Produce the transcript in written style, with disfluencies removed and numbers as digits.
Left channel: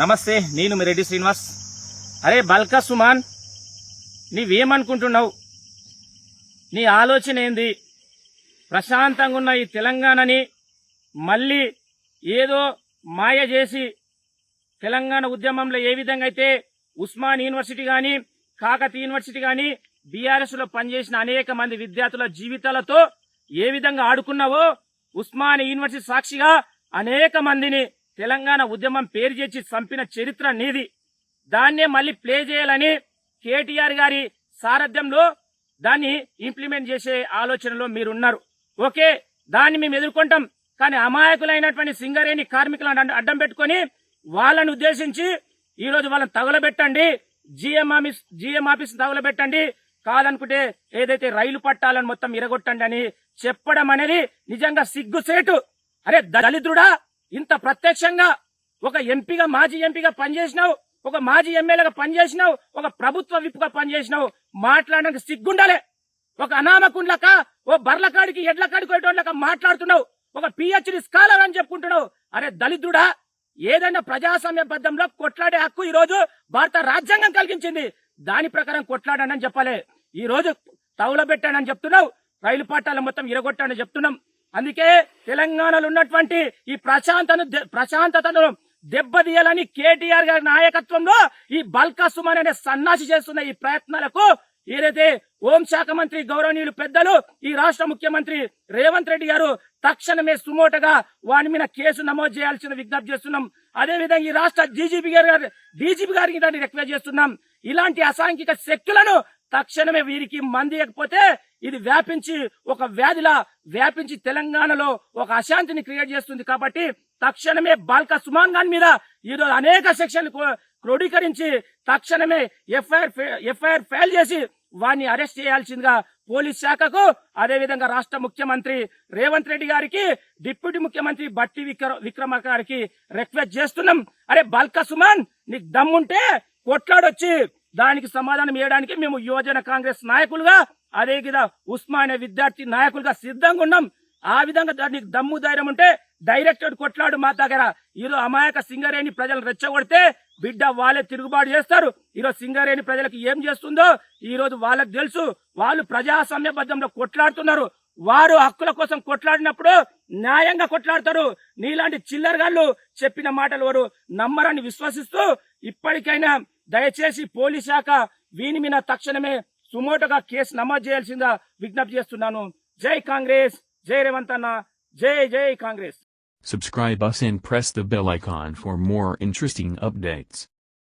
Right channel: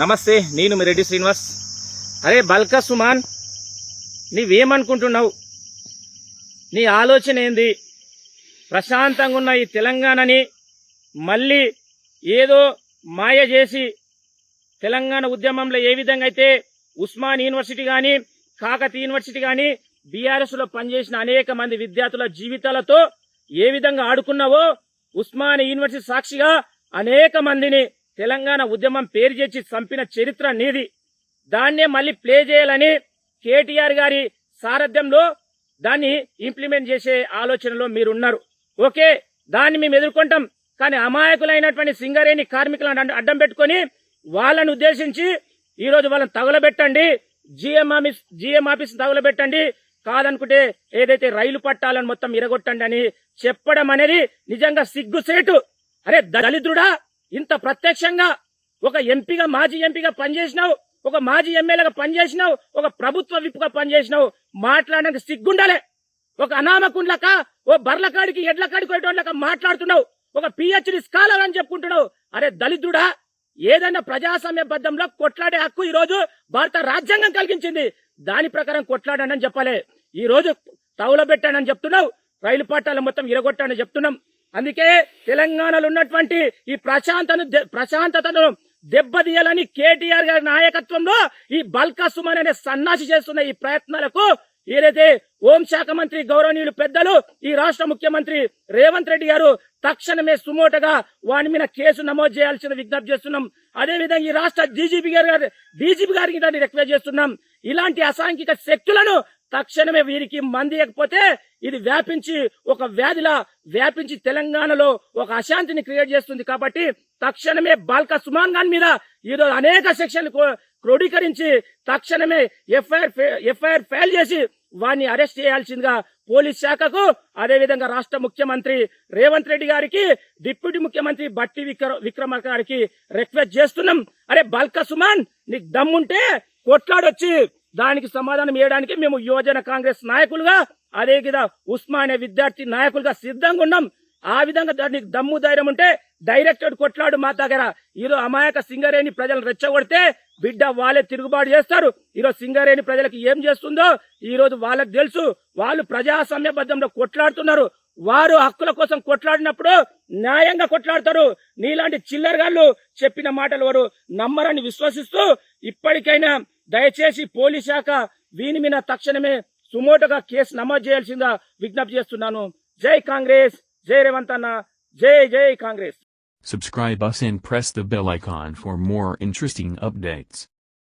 నమస్తే, నేను మీ రెడ్డి శ్రీనివాస్. అరే బల్కా సుమాన్, నీవేమనుకుంటున్నావు? నీ ఆలోచన ఏంది? ప్రశాంతంగా ఉన్న ఈ తెలంగాణని మళ్ళీ ఏదో మాయ చేసి తెలంగాణ ఉద్యమంలో ఏ విధంగా అయితే ఉస్మాన్ యూనివర్సిటీ కానీ కాకతీయ యూనివర్సిటీ కానీ బీఆర్ఎస్లో పనిచేసిన అనేక మంది విద్యార్థుల జీవితాలతో ఏ విధంగా ఆడుకున్నావో, ఉస్మాన్ యూనివర్సిటీ సాక్షిగా అనేక మందిని తెలంగాణ ఉద్యమం పేరు చేసి చంపిన చరిత్ర నీది. దాన్నే మళ్ళీ ప్లే చేయాలని కేటీఆర్ గారి సారథ్యంలో దాన్ని ఇంప్లిమెంట్ చేసే ఆలోచనలో మీరున్నారు. ఓకే, దాన్ని మేము ఎదుర్కొంటాం. కానీ అమాయకులైనటువంటి సింగరేణి కార్మికులను అడ్డం పెట్టుకొని వాళ్ళని ఉద్దేశించి ఈరోజు వాళ్ళని తగులబెట్టండి, జిఎం ఆఫీస్ తగులబెట్టండి, కాదనుకుంటే ఏదైతే రైలు పట్టాలను మొత్తం ఇరగొట్టండి అని చెప్పడం అనేది నిజంగా సిగ్గుసేటు. అరే దళితుడా, ఇంత ప్రత్యక్షంగా ఒక ఎంపీగా మాజీ ఎంపీగా పనిచేసినావు, ఒక మాజీ ఎమ్మెల్యేగా పనిచేసినావు, ఒక ప్రభుత్వ విప్పుగా పనిచేసినావు, మాట్లాడడానికి సిగ్గుండాలే. ఒక అనామకుండ్లక, ఓ బర్లకాడికి ఎడ్లకాడికి పోయేటోళ్ళక మాట్లాడుతున్నావు, ఒక పిహెచ్డి స్కాలర్ అని చెప్పుకుంటున్నావు. అరే దళితుడా, ఏదైనా ప్రజాస్వామ్యబద్ధంలో కొట్లాడే హక్కు ఈ రోజు భారత రాజ్యాంగం కలిగించింది. దాని ప్రకారం కొట్లాడండి అని చెప్పాలి. ఈ రోజు తౌలబెట్టానని చెప్తున్నావు, రైలు పట్టాలు మొత్తం ఇరగొట్టానని చెప్తున్నాం. అందుకే తెలంగాణలో ఉన్నటువంటి ఈ ప్రశాంతతను దెబ్బతీయాలని కేటీఆర్ గారి నాయకత్వంలో ఈ బల్కా సుమన్ అనే సన్నాసి చేస్తున్న ఈ ప్రయత్నాలకు ఏదైతే హోంశాఖ మంత్రి గౌరవనీయులు పెద్దలు ఈ రాష్ట్ర ముఖ్యమంత్రి రేవంత్ రెడ్డి గారు తక్షణమే సుమోటగా వాని మీద కేసు నమోదు చేయాల్సిన విజ్ఞప్తి చేస్తున్నాం. అదేవిధంగా ఈ రాష్ట్ర డీజీపీ గారికి దాన్ని రిక్వెస్ట్ చేస్తున్నాం. ఇలాంటి అసాంఘిక శక్తులను తక్షణమే వీరికి మందియకపోతే ఇది వ్యాపించి ఒక వ్యాధిలా వ్యాపించి తెలంగాణలో ఒక అశాంతిని క్రియేట్ చేస్తుంది. కాబట్టి తక్షణమే బాల్కా సుమాన్ ఖాన్ మీద ఈరోజు అనేక సెక్షన్లు క్రోడీకరించి తక్షణమే ఎఫ్ఐఆర్ ఫైల్ చేసి వారిని అరెస్ట్ చేయాల్సిందిగా పోలీస్ శాఖకు, అదేవిధంగా రాష్ట్ర ముఖ్యమంత్రి రేవంత్ రెడ్డి గారికి, డిప్యూటీ ముఖ్యమంత్రి బట్టి విక్రమార్క గారికి రిక్వెస్ట్ చేస్తున్నాం. అరే బాల్కా సుమాన్, నీకు దమ్ముంటే కొట్లాడొచ్చి దానికి సమాధానం ఇవ్వడానికి మేము యువజన కాంగ్రెస్ నాయకులుగా, అదేవిధంగా ఉస్మానియా విద్యార్థి నాయకులుగా సిద్ధంగా ఉన్నాం. ఆ విధంగా దానికి దమ్ము ధైర్యం ఉంటే డైరెక్ట్ కొట్లాడు మా దగ్గర. ఈరోజు అమాయక సింగరేణి ప్రజలను రెచ్చగొడితే బిడ్డ వాళ్ళే తిరుగుబాటు చేస్తారు. ఈరోజు సింగరేణి ప్రజలకు ఏం చేస్తుందో ఈ రోజు వాళ్ళకి తెలుసు. వాళ్ళు ప్రజాస్వామ్యబద్ధంలో కొట్లాడుతున్నారు. వారు హక్కుల కోసం కొట్లాడినప్పుడు న్యాయంగా కొట్లాడతారు. నీలాంటి చిల్లరగాళ్ళు చెప్పిన మాటలు వారు నమ్మరని విశ్వసిస్తూ ఇప్పటికైనా దయచేసి పోలీస్ శాఖ వీని మీద తక్షణమే సుమోటోగా కేసు నమోదు చేయాల్సిందిగా విజ్ఞప్తి చేస్తున్నాను. జై కాంగ్రెస్, జై రేవంత్ అన్న, జై జై Congress. Subscribe us and press the bell icon for more interesting updates.